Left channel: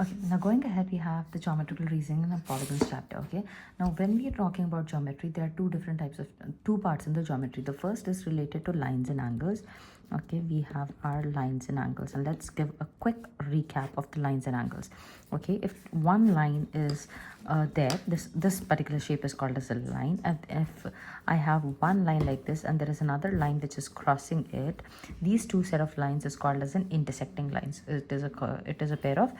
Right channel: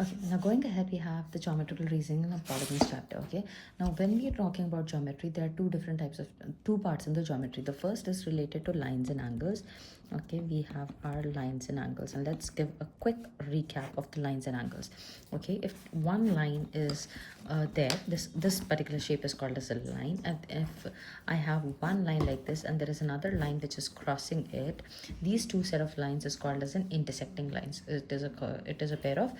Okay, now going ahead, we have the geometrical reasoning and polygons chapter. Okay, now when we are talking about geometry, there are two different types of two parts in the geometry. The first is related to lines and angles. Okay, we have our lines and angles, and let's give a quick recap of the lines and angles. Okay, if one line is there, this particular shape is called as a line, and if I have one line like this and there is another line which is crossing it, these two set of lines is called as an intersecting lines. It is a pair of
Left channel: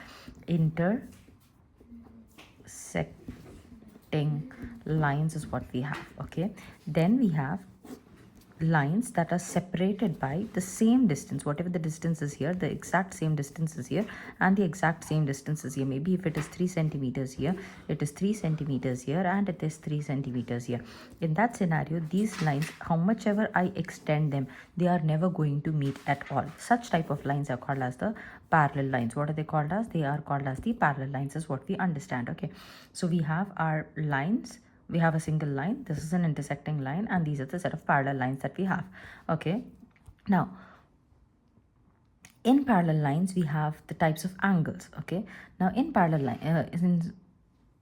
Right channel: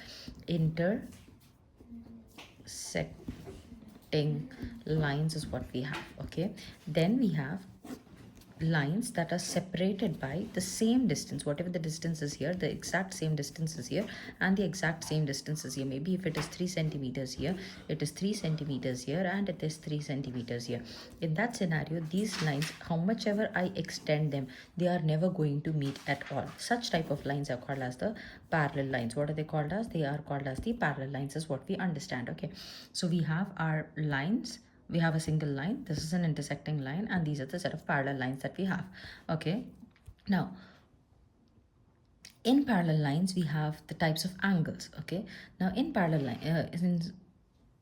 intersecting lines is what we have. Okay, then we have lines that are separated by the same distance, whatever the distance is here, the exact same distance is here, and the exact same distance is here. Maybe if it is 3 centimeters here, it is 3 centimeters here, and it is 3 centimeters here. In that scenario, these lines, how much ever I extend them, they are never going to meet at all. Such type of lines are called as the parallel lines. What are they called as? They are called as the parallel lines, is what we understand. Okay, so we have our lines, we have a single line, this is an intersecting line, and these are the set of parallel lines that we have. Okay, now in parallel lines we have the types of angles. Okay, now in parallel line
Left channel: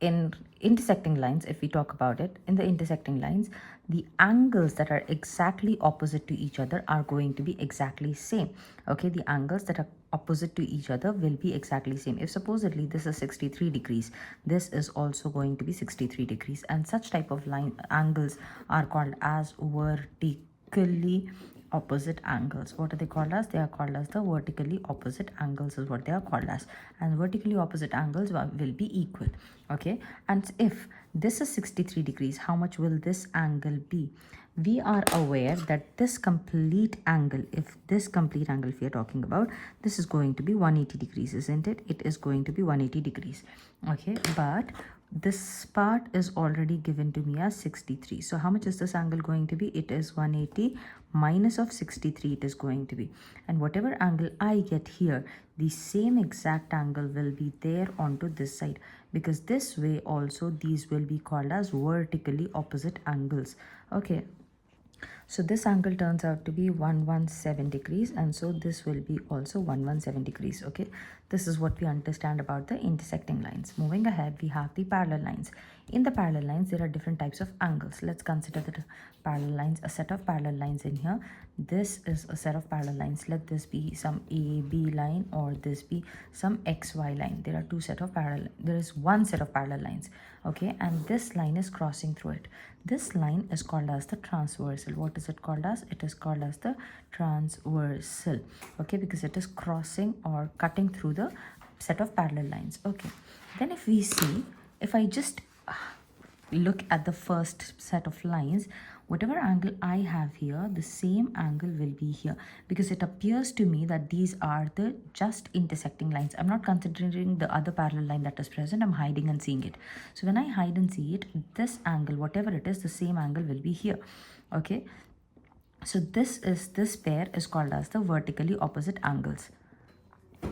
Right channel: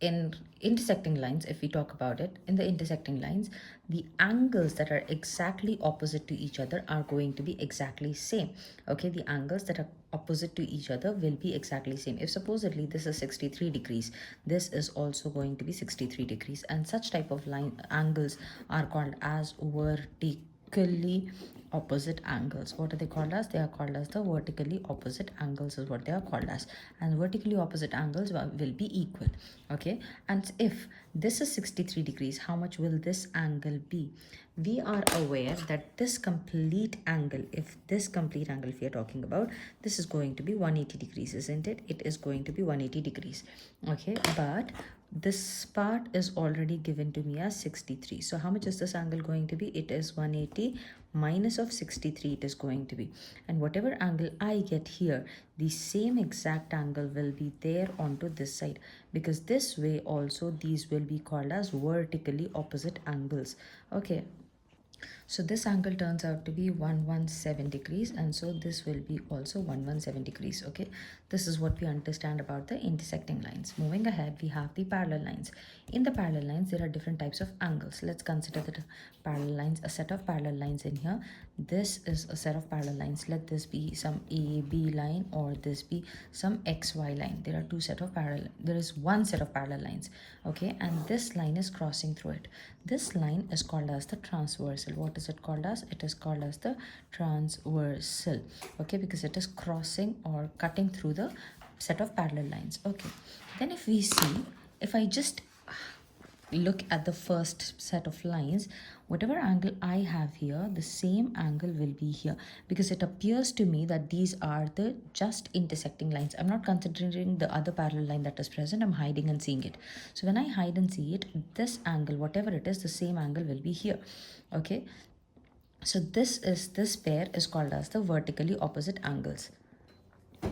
in intersecting lines, if we talk about it, in the intersecting lines, the angles that are exactly opposite to each other are going to be exactly same. Okay, the angles that are opposite to each other will be exactly same. If supposedly this is 63 degrees, this is also going to be 63 degrees, and such type of line angles are called as vertically opposite angles. What are they called as? They are called as the vertically opposite angles, is what they are called as, and vertically opposite angles will be equal. Okay, and if this is 63 degrees, how much will this angle be? We are aware that this complete angle, if this complete angle if we are talking about, this is going to be 180 degrees, isn't it? It is going to be 180 degrees. Okay, but this part is already given to me as 63. So how much is this angle going to be? It is 180 minus of 63 it is going to be, and whatever angle I get here, the same exact angle will be there onto this side, because this way also these will be called as vertically opposite angles. Okay, so this angle turns out to be 117 degrees, and so this will be also 117 degrees. Okay, this is what we understand about the intersecting lines. Moving ahead, we have the parallel lines. In the parallel lines, there are different types of angles. Let's consider the parallel lines, a set of parallel lines in here. This is a set of parallel lines. Let this be some AB line, or this be some XY line. There are two set of parallel, there is one set of parallel lines. Okay, and this line is crossing through it. This line is called as the transversal. What is it called as? It is called as the transversal. Okay, because it is crossing or cutting through the set of parallel lines. Okay, then if we see, if I just look at the first set of lines, whatever angle I have here, the same angle will be here, because it appears to me that these are the just intersecting lines. I'm not considering the other parallel line that is present. I'm hiding and seeing it. So when I hide and see it, this angle, whatever it is, the same angle will be here. Okay, so this pair is called as the vertically opposite angles.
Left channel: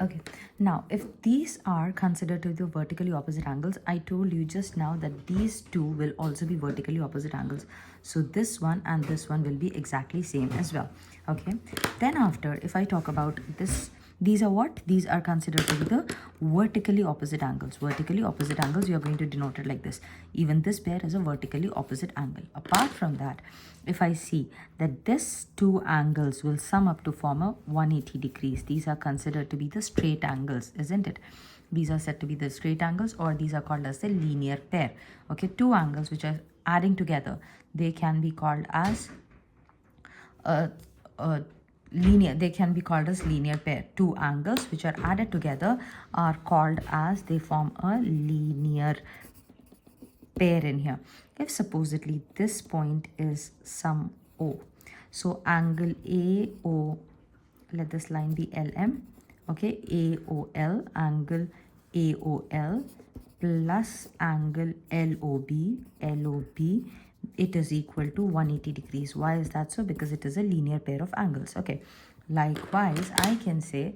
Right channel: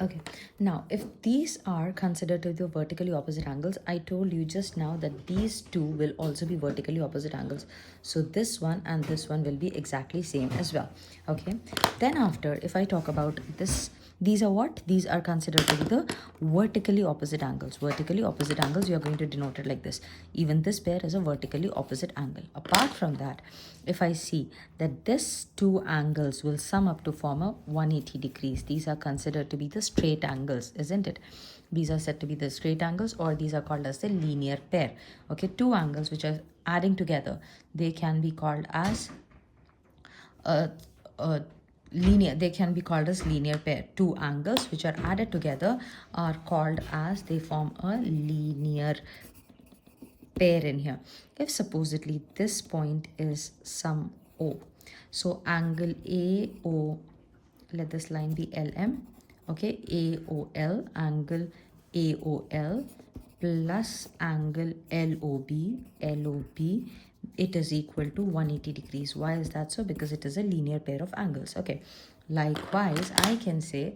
Okay, now if these are considered to the vertically opposite angles, I told you just now that these two will also be vertically opposite angles. So this one and this one will be exactly same as well. Okay, then after, if I talk about this, these are what? These are considered to be the vertically opposite angles. Vertically opposite angles, you are going to denote it like this. Even this pair is a vertically opposite angle. Apart from that, if I see that this two angles will sum up to form a 180 degrees, these are considered to be the straight angles, isn't it? These are said to be the straight angles, or these are called as the linear pair. Okay, two angles which are adding together, they can be called as linear, they can be called as linear pair. Two angles which are added together are called as, they form a linear pair in here. If supposedly this point is some O, so angle AO, let this line be LM. Okay, AOL, angle AOL plus angle LOB, it is equal to 180 degrees. Why is that so? Because it is a linear pair of angles. Okay, likewise I can say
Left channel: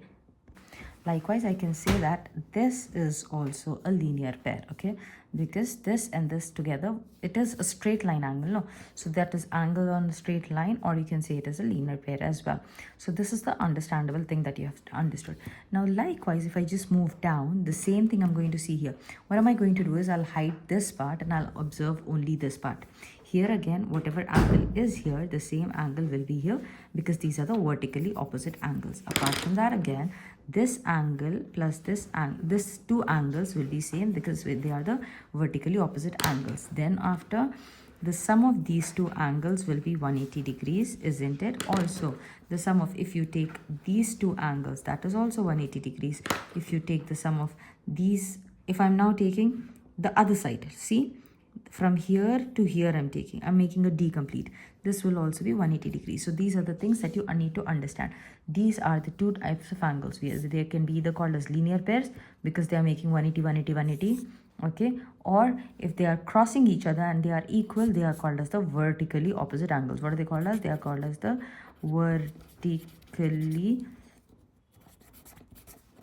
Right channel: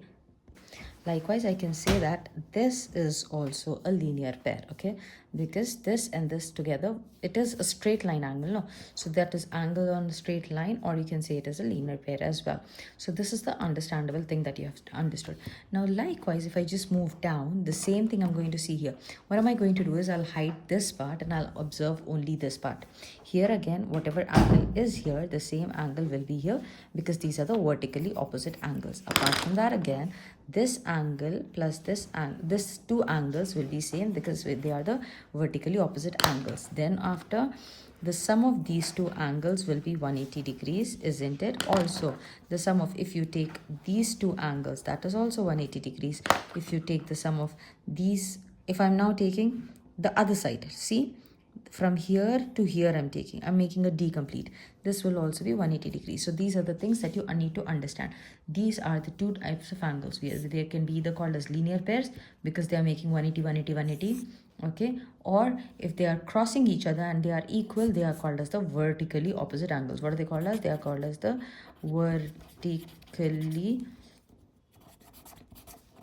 Likewise, I can say that this is also a linear pair, okay? Because this and this together, it is a straight line angle, no? So that is angle on a straight line, or you can say it is a linear pair as well. So this is the understandable thing that you have understood. Now, likewise, if I just move down, the same thing I'm going to see here. What am I going to do is I'll hide this part and I'll observe only this part. Here again, whatever angle is here, the same angle will be here, because these are the vertically opposite angles. Apart from that, again, this angle plus this two angles will be same, because they are the vertically opposite angles. Then after, the sum of these two angles will be 180 degrees, isn't it? Also, the sum of, if you take these two angles, that is also 180 degrees. If you take the sum of these, if I'm now taking the other side, see, from here to here I'm making a D complete. This will also be 180 degrees. So these are the things that you need to understand. These are the two types of angles. They can be either called as linear pairs, because they are making 180, 180, 180. Okay, or if they are crossing each other and they are equal, they are called as the vertically opposite angles. What are they called as? They are called as the vertically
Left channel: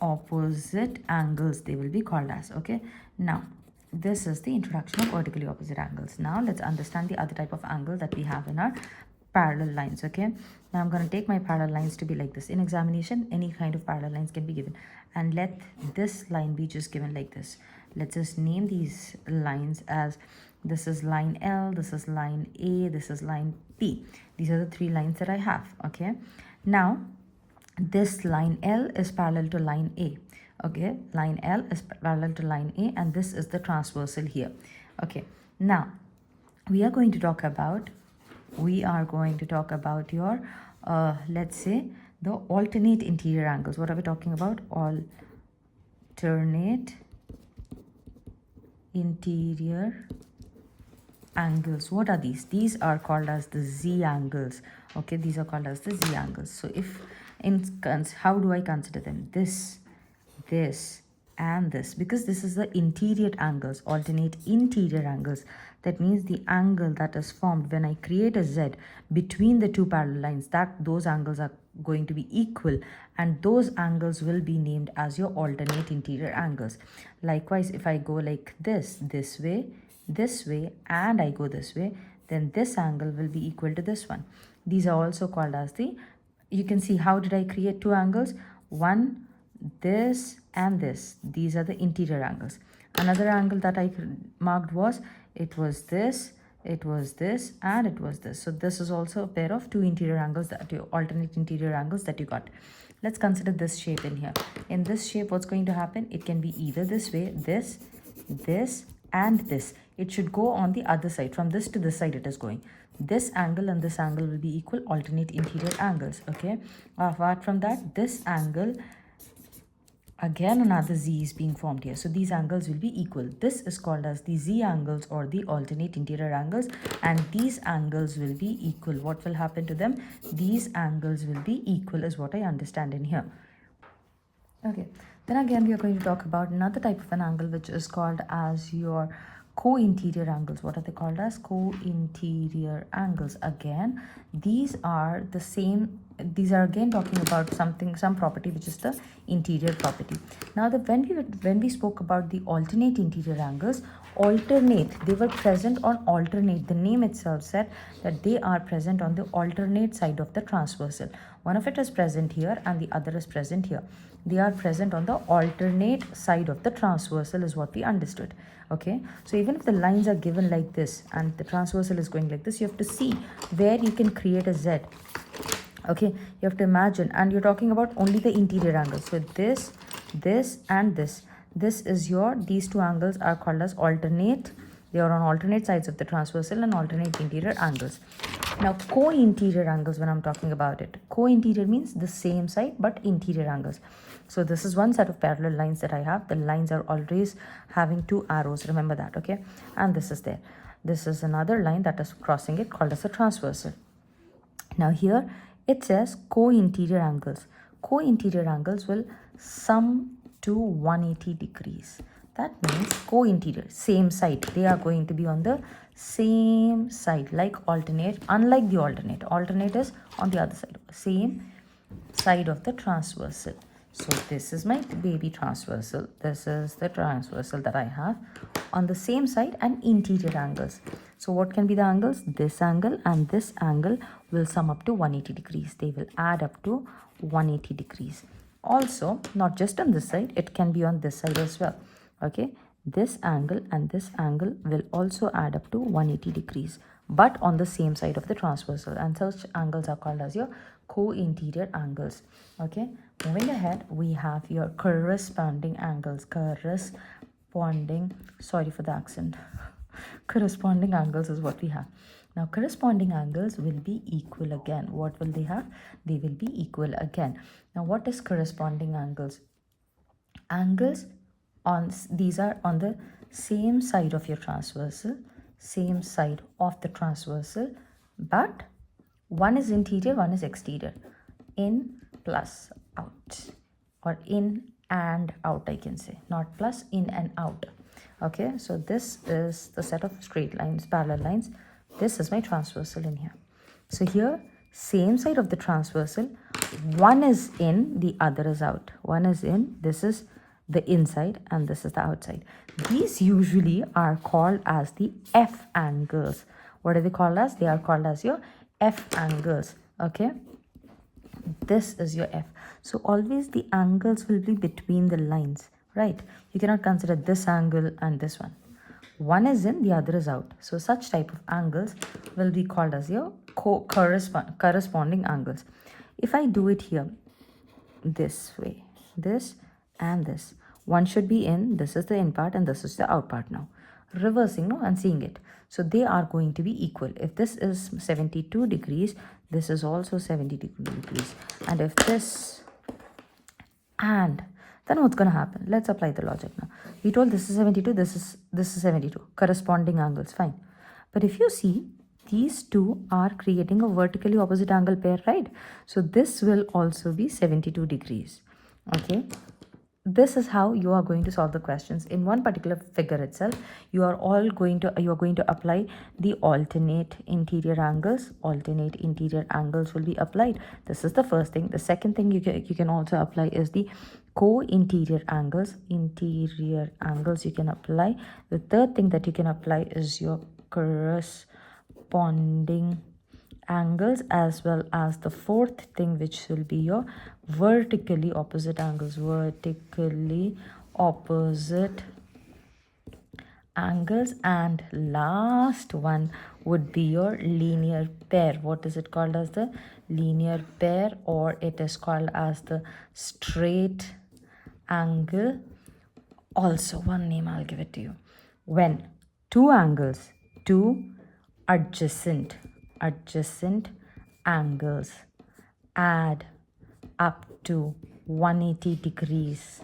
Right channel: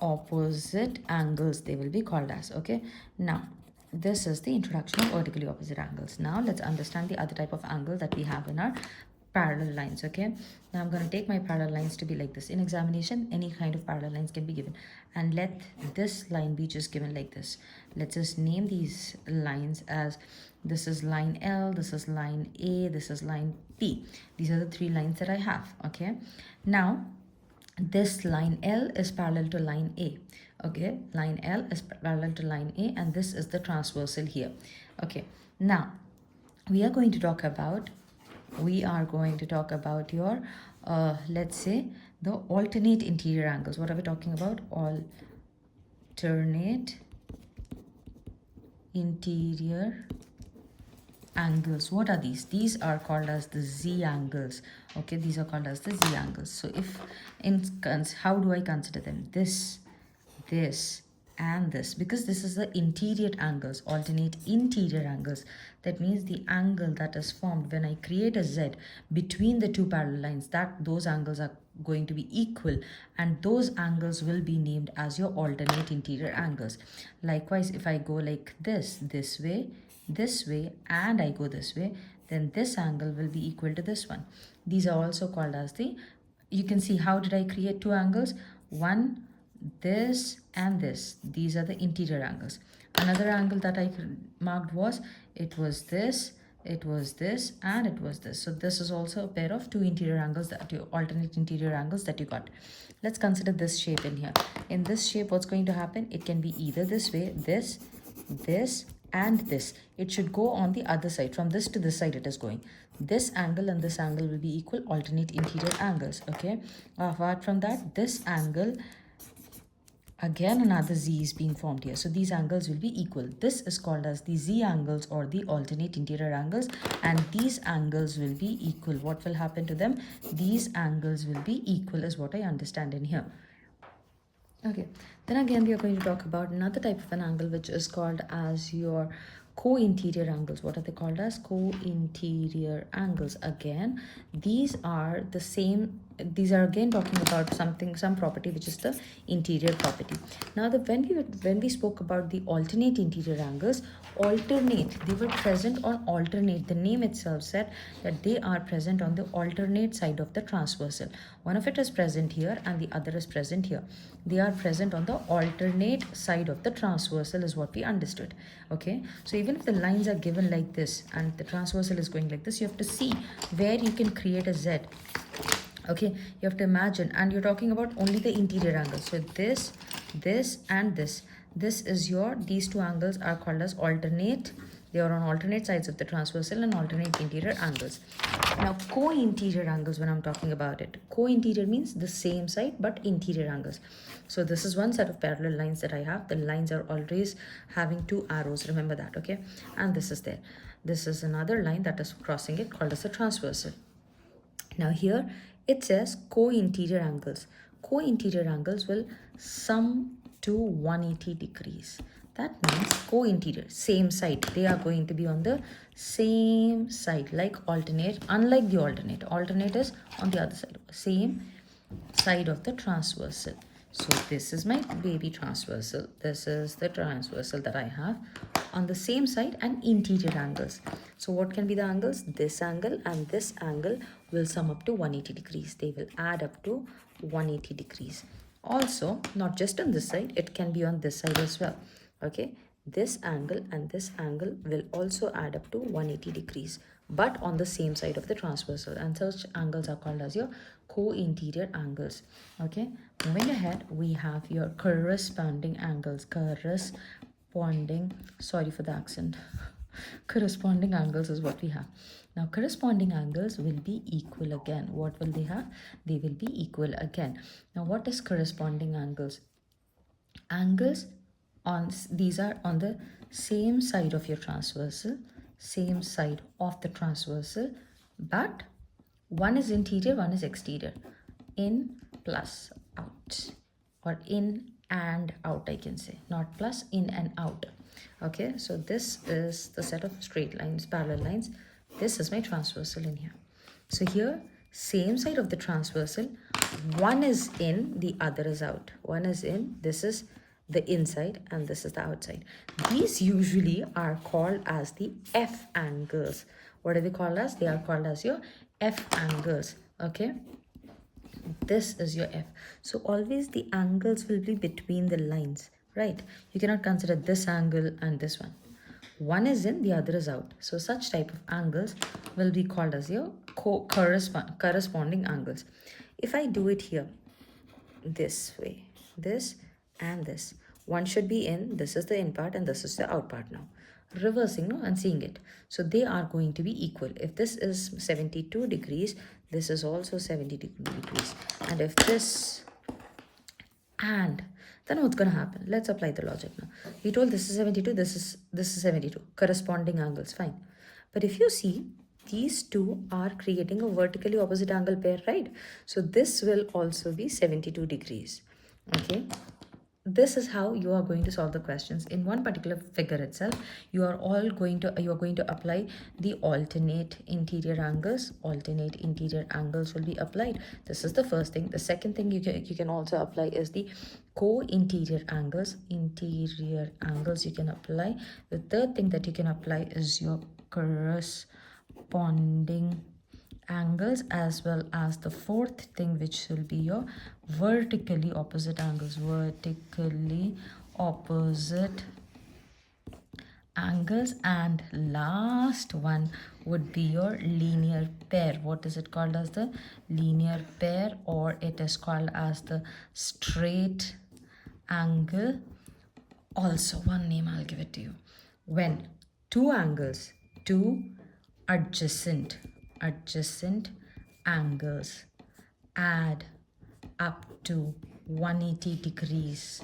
opposite angles, they will be called as. Okay, now this is the introduction of vertically opposite angles. Now let's understand the other type of angle that we have in our parallel lines. Okay, now I'm going to take my parallel lines to be like this. In examination, any kind of parallel lines can be given, and let this line be just given like this. Let's just name these lines as, this is line L, this is line A, this is line P. These are the three lines that I have. Okay, now this line L is parallel to line A. Okay, line L is parallel to line A, and this is the transversal here. Okay, now we are going to talk about your let's say the alternate interior angles. What are we talking about? Alternate interior angles. What are these? These are called as the Z angles. Okay, these are called as the Z angles. So if how do I consider them? This and this, because this is the interior angles, alternate interior angles. That means the angle that is formed when I create a Z between the two parallel lines, those angles are going to be equal, and those angles will be named as your alternate interior angles. Likewise, if I go like this way, and I go this way, then this angle will be equal to this one. These are also called as you can see, how did I create two angles? One, this and this. These are the interior angles. Another angle that I marked was, it was this, and it was this. So this is also a pair of two interior angles, alternate interior angles that you got. Let's consider this shape in here. In this shape, what's going to happen? It can be either this way, this, and this. It should go on the other side. From this to this side it is going. This angle and this angle will be equal, alternate interior angles. Okay, apart from that, this angle, again another Z is being formed here, so these angles will be equal. This is called as the Z angles, or the alternate interior angles, and these angles will be equal. What will happen to them? These angles will be equal, is what I understand in here. Okay, then again we are going to talk about another type of an angle, which is called as your co-interior angles. What are they called as? Co-interior angles. Again, these are the same. These are again talking about some property, which is the interior property. Now, when we spoke about the alternate interior angles, they were present on alternate. The name itself said that they are present on the alternate side of the transversal. One of it is present here and the other is present here. They are present on the alternate side of the transversal, is what we understood. Okay, so even if the lines are given like this and the transversal is going like this, you have to see where you can create a Z. Okay, you have to imagine, and you're talking about only the interior angles. So this, and this is these two angles are called as alternate. They are on alternate sides of the transversal and alternate interior angles. Now, co-interior angles, when I'm talking about it, co-interior means the same side but interior angles. So this is one set of parallel lines that I have. The lines are always having two arrows, remember that. Okay, and this is there. This is another line that is crossing it, called as a transversal. Now here it says co-interior angles. Co-interior angles will sum to 180 degrees. That means co-interior, same side. They are going to be on the same side, like alternate. Unlike the alternate is on the other side, same side of the transversal. So this is my baby transversal. This is the transversal that I have on the same side, and interior angles. So what can be the angles? This angle and this angle will sum up to 180 degrees. They will add up to 180 degrees. Also, not just on this side, it can be on this side as well. Okay, this angle and this angle will also add up to 180 degrees, but on the same side of the transversal, and such angles are called as your co-interior angles. Okay, moving ahead, we have your corresponding angles. Sorry for the accent. Corresponding angles is what we have. Now corresponding angles will be equal again. What will they have? They will be equal again. Now what is corresponding angles? Angles on these are on the same side of your transversal, same side of the transversal, but one is interior, one is exterior. In plus out, or in and out, I can say, not plus, in and out. Okay, so this is the set of straight lines, parallel lines. This is my transversal in here. So here, same side of the transversal, one is in, the other is out. One is in, this is the inside and this is the outside. These usually are called as the F angles. What are they called as? They are called as your F angles. Okay, this is your F. So always the angles will be between the lines, right? You cannot consider this angle and this one. One is in, the other is out. So such type of angles will be called as your corresponding angles. If I do it here this way, this and this, one should be in, this is the in part and this is the out part. Now reversing, no, and seeing it, so they are going to be equal. If this is 72 degrees, this is also 72 degrees, and if this, and then what's going to happen? Let's apply the logic now. We told this is 72, this is 72, corresponding angles, fine. But if you see, these two are creating a vertically opposite angle pair, right? So this will also be 72 degrees. Okay, this is how you are going to solve the questions. In one particular figure itself, you are going to apply the alternate interior angles. Alternate interior angles will be applied. This is the first thing. The second thing you can also apply is the co-interior angles. Interior angles you can apply. The third thing that you can apply is your corresponding angles, as well as the fourth thing, which will be your vertically opposite angles. Vertically opposite angles. And last one would be your linear pair. What is it called as? The linear pair, or it is called as the straight angle. Also one name, I'll give it to you. When two angles, two adjacent angles add up to 180 degrees.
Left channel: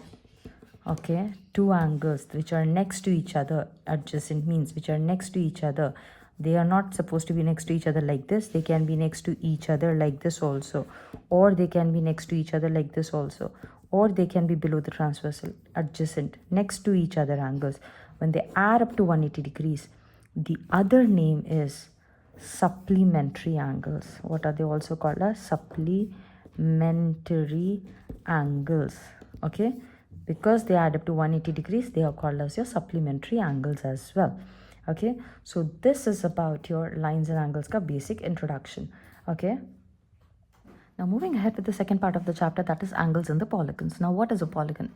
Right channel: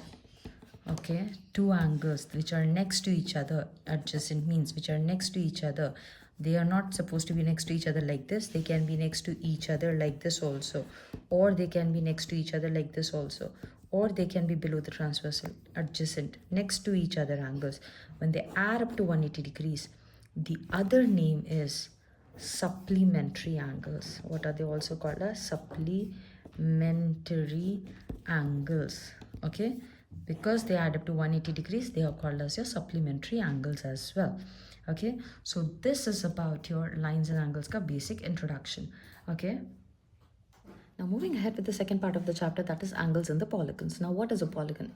Okay, two angles which are next to each other, adjacent means which are next to each other. They are not supposed to be next to each other like this. They can be next to each other like this also, or they can be next to each other like this also, or they can be below the transversal. Adjacent, next to each other angles, when they add up to 180 degrees, the other name is supplementary angles. What are they also called as? Supplementary angles. Okay, because they add up to 180 degrees, they are called as your supplementary angles as well. Okay, so this is about your lines and angles ka basic introduction. Okay, now moving ahead with the second part of the chapter, that is angles and the polygons. Now what is a polygon?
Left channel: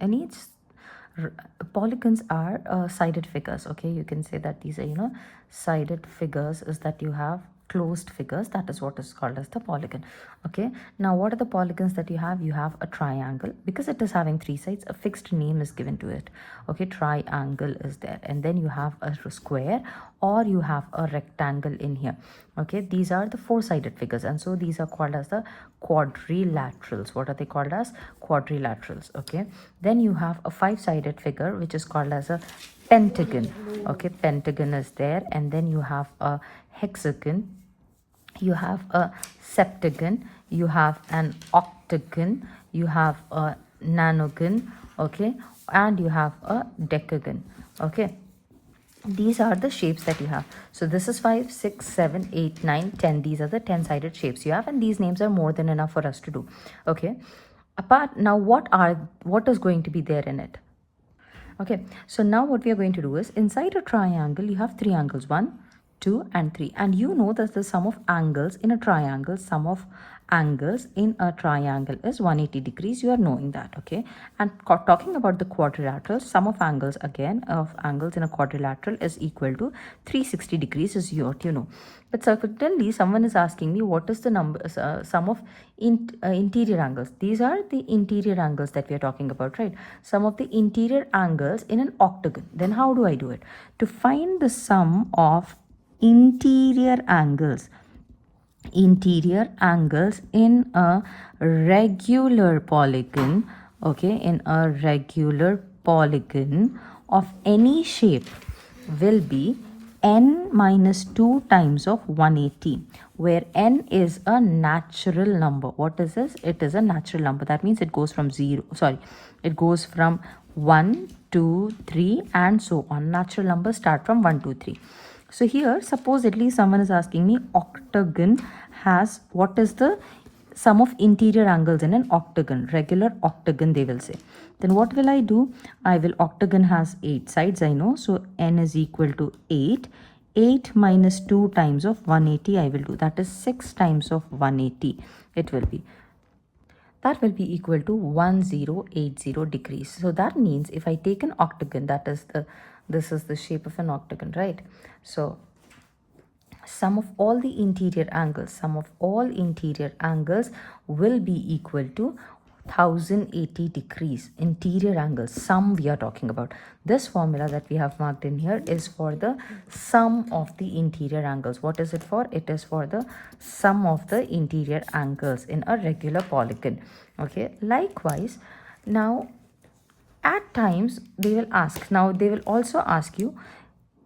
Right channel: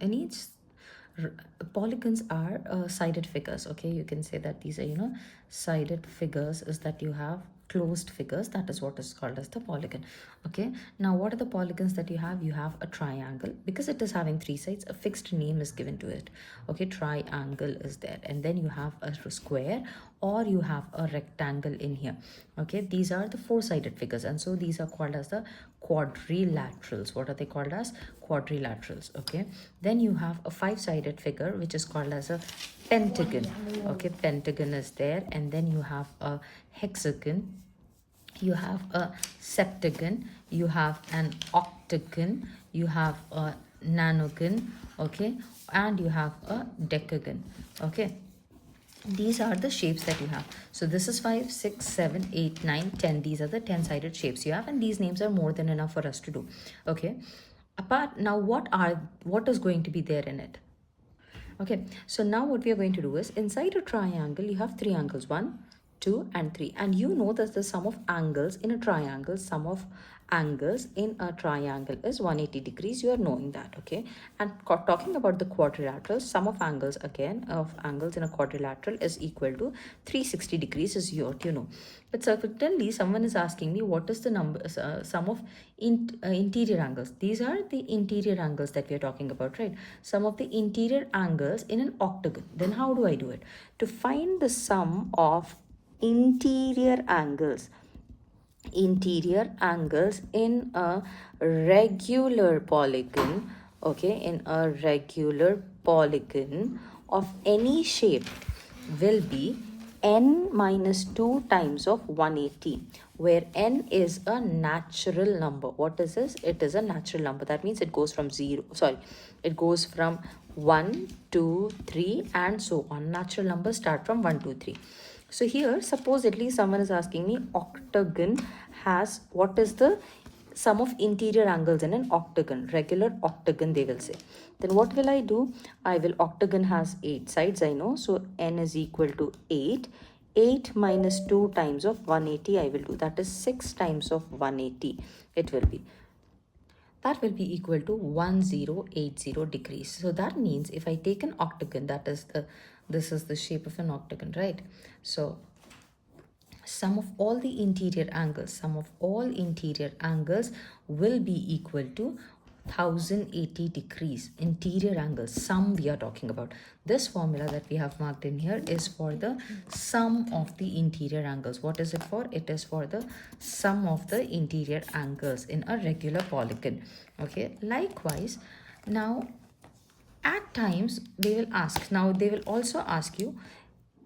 Polygons are sided figures. Okay, you can say that these are sided figures, is that you have closed figures. That is what is called as the polygon. Okay, now what are the polygons that you have? You have a triangle. Because it is having three sides, a fixed name is given to it. Okay, triangle is there, and then you have a square, or you have a rectangle in here. Okay, these are the four-sided figures, and so these are called as the quadrilaterals. What are they called as? Quadrilaterals. Okay, then you have a five-sided figure which is called as a pentagon. Okay, pentagon is there, and then you have a hexagon, you have a septagon, you have an octagon, you have a nanogon, okay, and you have a decagon. Okay, these are the shapes that you have. So this is 5, 6, 7, 8, 9, 10. These are the 10-sided shapes you have, and these names are more than enough for us to do. Okay, Apart, now what is going to be there in it? Okay, so now what we are going to do is, inside a triangle you have three angles, 1, 2 and 3, and you know that the sum of angles in a triangle, sum of angles in a triangle is 180 degrees. You are knowing that, okay? And talking about the quadrilateral, sum of angles again of angles in a quadrilateral is equal to 360 degrees, is what you know. But certainly someone is asking me what is the number sum of interior angles. These are the interior angles that we are talking about, right? Sum of the interior angles in an octagon. Then how do I do it? To find the sum of interior angles in a regular polygon, okay, in a regular polygon of any shape will be n minus 2 times of 180, where n is a natural number. What is this? It is a natural number. That means it goes from 1, 2, 3 and so on. Natural numbers start from 1, 2, 3. So here, supposedly someone is asking me, octagon has, what is the sum of interior angles in an octagon, regular octagon they will say. Then what will I do? Octagon has 8 sides, I know. So n is equal to 8. 8 minus 2 times of 180 I will do. That is 6 times of 180 it will be. That will be equal to 1080 degrees. So that means if I take an octagon, this is the shape of an octagon, right? So sum of all interior angles will be equal to 1080 degrees. Interior angles, sum we are talking about. This formula that we have marked in here is for the sum of the interior angles. What is it for? It is for the sum of the interior angles in a regular polygon. Okay, likewise, now at times they will ask, now they will also ask you,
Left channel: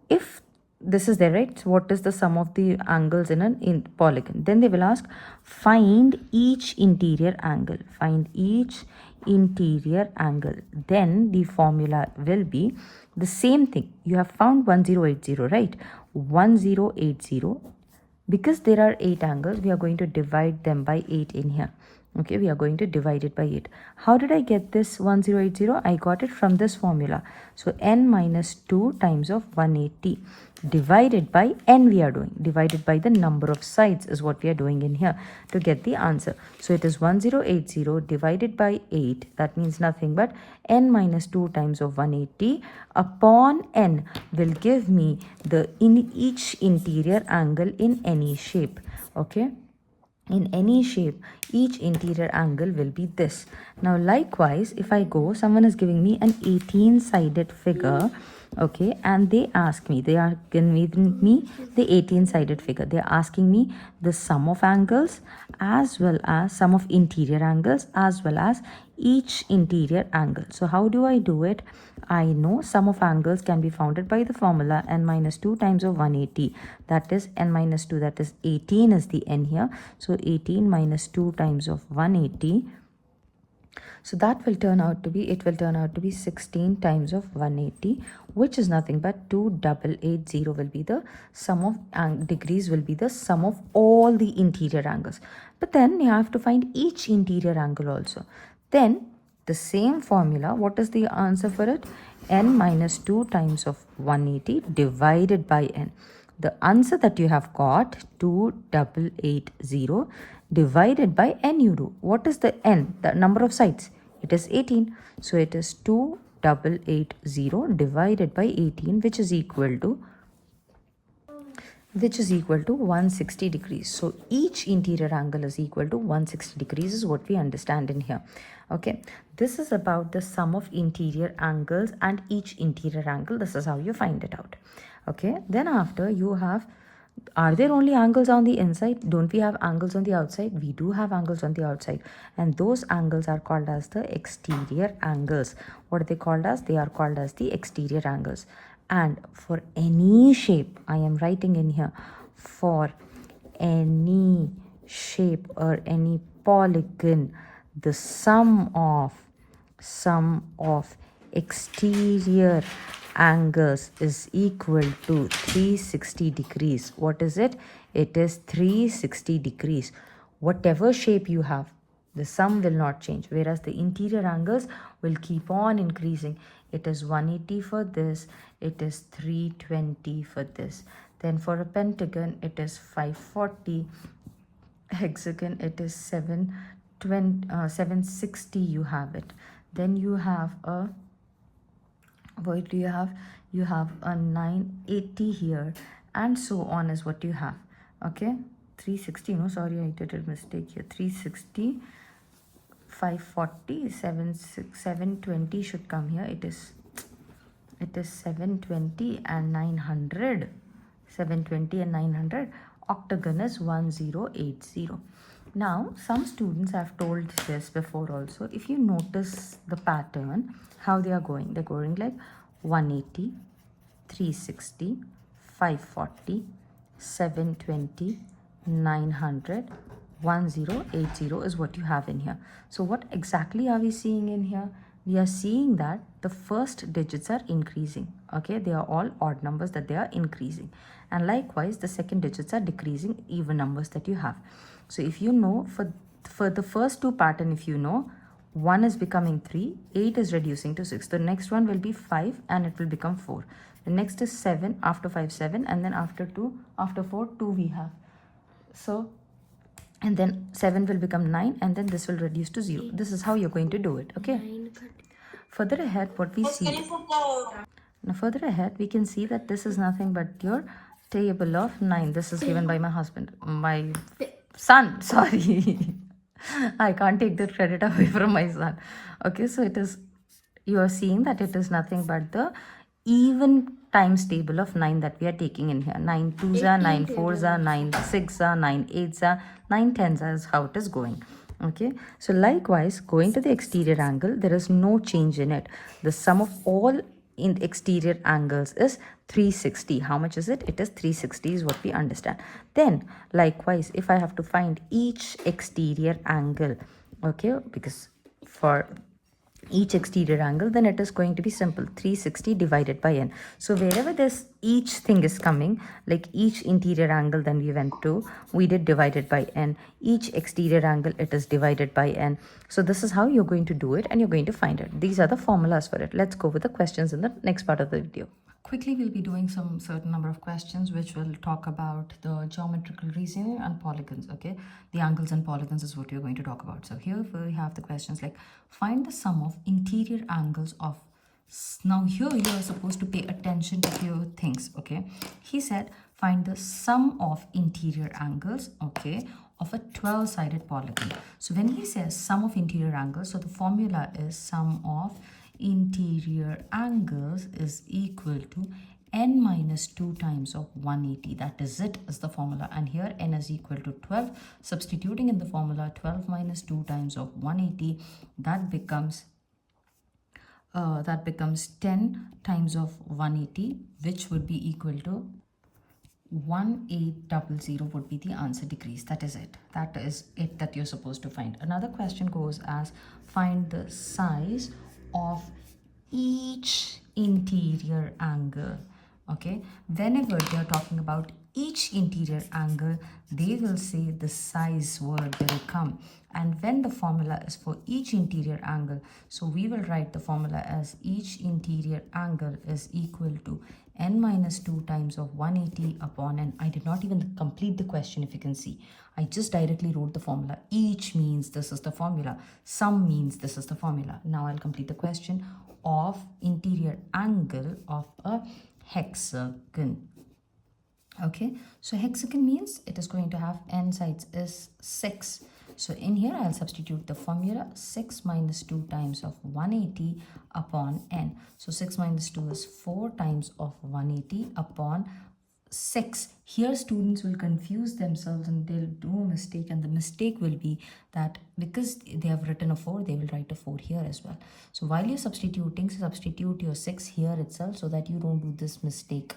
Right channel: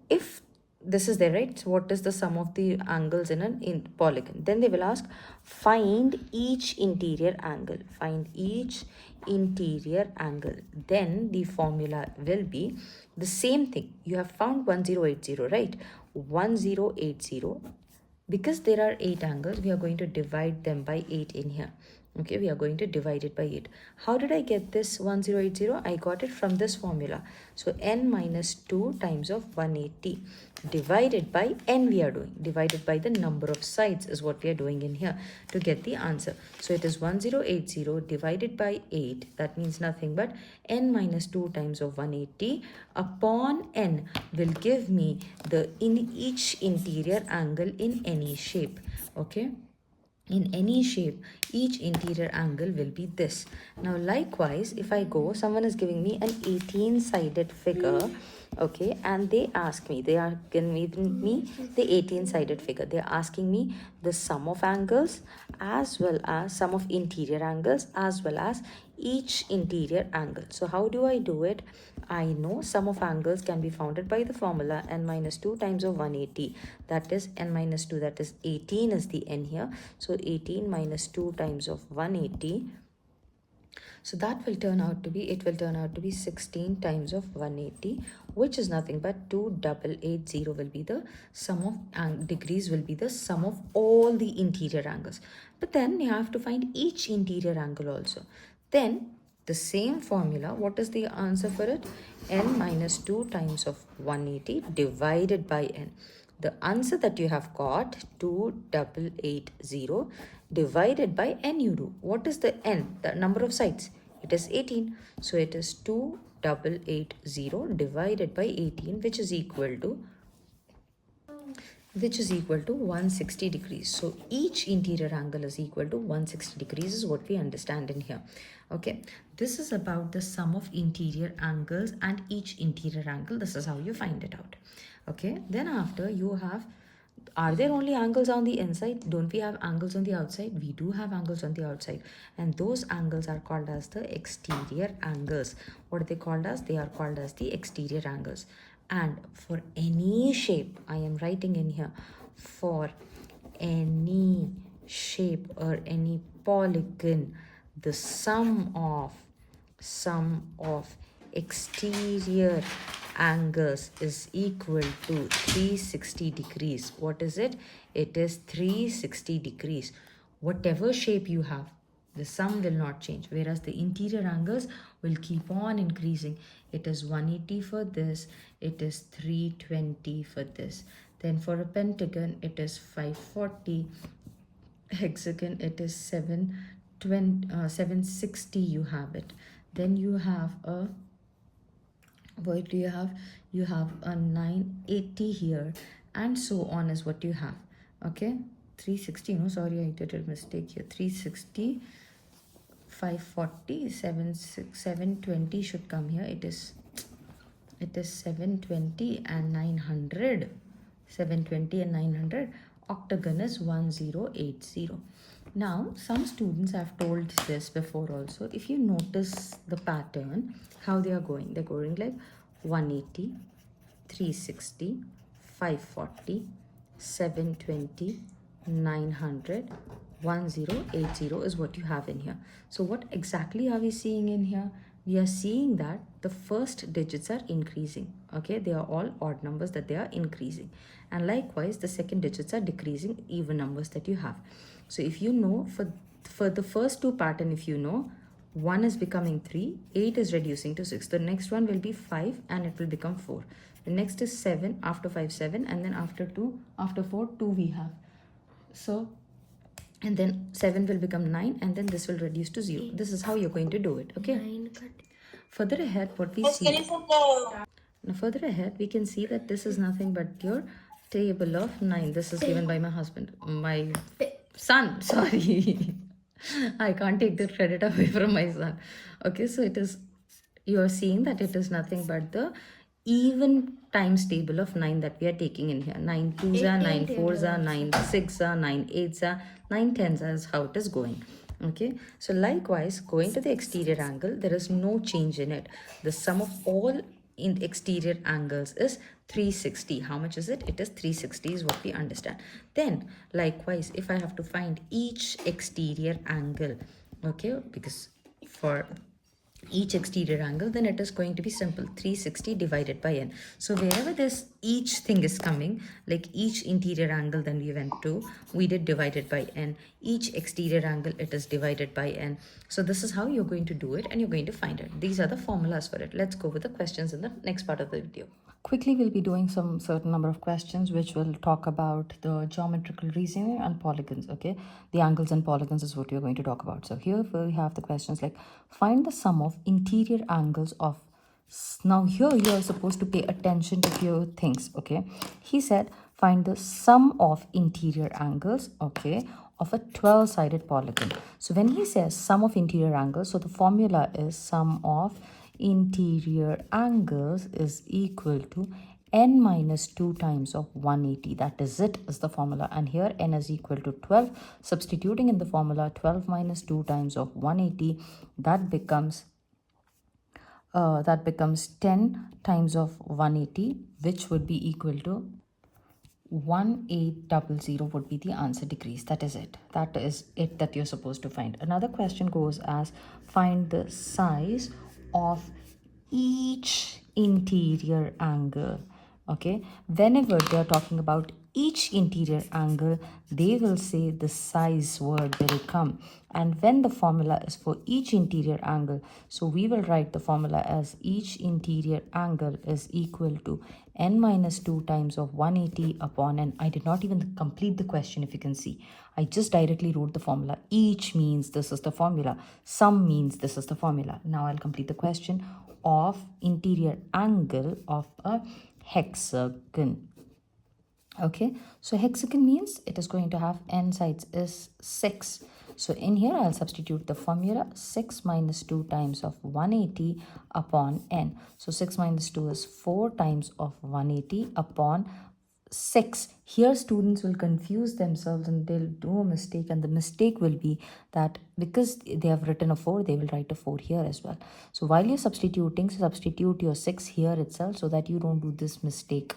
if this is there, right? So what is the sum of the angles in an polygon? Then they will ask, find each interior angle. Find each interior angle. Then the formula will be the same thing. You have found 1080, right? 1080. Because there are 8 angles, we are going to divide them by 8 in here. Okay, we are going to divide it by 8. How did I get this 1080? I got it from this formula. So n minus 2 times of 180 divided by n we are doing. Divided by the number of sides is what we are doing in here to get the answer. So it is 1080 divided by 8. That means nothing but n minus 2 times of 180 upon n will give me the each interior angle in any shape. Okay, in any shape each interior angle will be this. Now likewise, if I go, someone is giving me an 18-sided figure, okay, and they ask me, they are giving me the 18-sided figure. They are asking me the sum of angles as well as sum of interior angles as well as each interior angle. So how do I do it? I know sum of angles can be founded by the formula n minus 2 times of 180. That is n minus 2, that is 18 is the n here. So 18 minus 2 times of 180. So that will turn out to be 16 times of 180, which is nothing but 2880 will be the sum of degrees, will be the sum of all the interior angles. But then you have to find each interior angle also. Then the same formula, what is the answer for it? N minus 2 times of 180 divided by n. The answer that you have got, 2880 divided by n you do. What is the n? The number of sides. It is 18. So it is 2880 divided by 18, which is equal to 160 degrees. So each interior angle is equal to 160 degrees is what we understand in here. Okay, this is about the sum of interior angles and each interior angle. This is how you find it out. Okay, then after you have, are there only angles on the inside? Don't we have angles on the outside? We do have angles on the outside, and those angles are called as the exterior angles. What are they called as? They are called as the exterior angles. And for any shape, I am writing in here, for any shape or any polygon, the sum of exterior angles is equal to 360 degrees. What is it? It is 360 degrees. Whatever shape you have, The sum will not change, whereas the interior angles will keep on increasing. It is 180 for this, it is 320 for this. Then for a pentagon, it is 540. Hexagon, it is 760. You have it. Then you have a, what do you have? You have a 980 here, and so on is what you have. Okay, 360. No, sorry, I did a mistake here. 360, 540, 720 should come here. It is 720 and 900. 720 and 900. Octagon is 1080. Now, some students have told this before also. If you notice the pattern, how they are going, they're going like 180, 360, 540, 720, 900, 1080 is what you have in here. So what exactly are we seeing in here? We are seeing that the first digits are increasing. Okay, they are all odd numbers that they are increasing, and likewise the second digits are decreasing, even numbers that you have. So if you know, for the first two pattern, if you know, 1 is becoming 3, 8 is reducing to 6. The next one will be 5 and it will become 4. The next is 7, after 5 7, and then after 4 2 we have. So, and then 7 will become 9, and then this will reduce to 0. This is how you're going to do it. Okay, further ahead, what we see now, further ahead, we can see that this is nothing but your table of 9. This is given by my husband, my son, sorry. I can't take the credit away from my son. Okay, so it is, you are seeing that it is nothing but the even times table of 9 that we are taking in here. 9 2s are, 9 4s are, 9 6s are, 9 8s are, 9 10s are, is how it is going. Okay, so likewise, going to the exterior angle, there is no change in it. The sum of all in exterior angles is 360. How much is it? It is 360 is what we understand. Then likewise, if I have to find each exterior angle, okay, because for each exterior angle, then it is going to be simple, 360 divided by n. So wherever this each thing is coming, like each interior angle, then we went to, we did divided by n. Each exterior angle, it is divided by n. So this is how you're going to do it, and you're going to find it. These are the formulas for it. Let's go with the questions in the next part of the video. Quickly, we'll be doing some certain number of questions which will talk about the geometrical reasoning and polygons. Okay, the angles and polygons is what we're going to talk about. So here we have the questions like, find the sum of interior angles of, now here you are supposed to pay attention to few things. Okay, he said find the sum of interior angles, okay, of a 12-sided polygon. So when he says sum of interior angles, so the formula is sum of interior angles is equal to n minus 2 times of 180. That is it, is the formula. And here n is equal to 12. Substituting in the formula, 12 minus 2 times of 180, that becomes 10 times of 180, which would be equal to 1800 would be the answer decrease. That is it. That is it that you're supposed to find. Another question goes as, find the size of each interior angle. Okay, whenever they are talking about each interior angle, they will say the size word will come. And when the formula is for each interior angle, so we will write the formula as each interior angle is equal to n minus 2 times of 180 upon n. I did not even complete the question, if you can see. I just directly wrote the formula. Each means this is the formula. Sum means this is the formula. Now I'll complete the question of interior angle of a hexagon. Okay, so hexagon means it is going to have n sides is 6. So in here I'll substitute the formula 6 minus 2 times of 180 upon n. So 6 minus 2 is 4 times of 180 upon 6. Here students will confuse themselves and they'll do a mistake, and the mistake will be that because they have written a 4, they will write a 4 here as well. So while you're substituting, substitute your 6 here itself so that you don't do this mistake.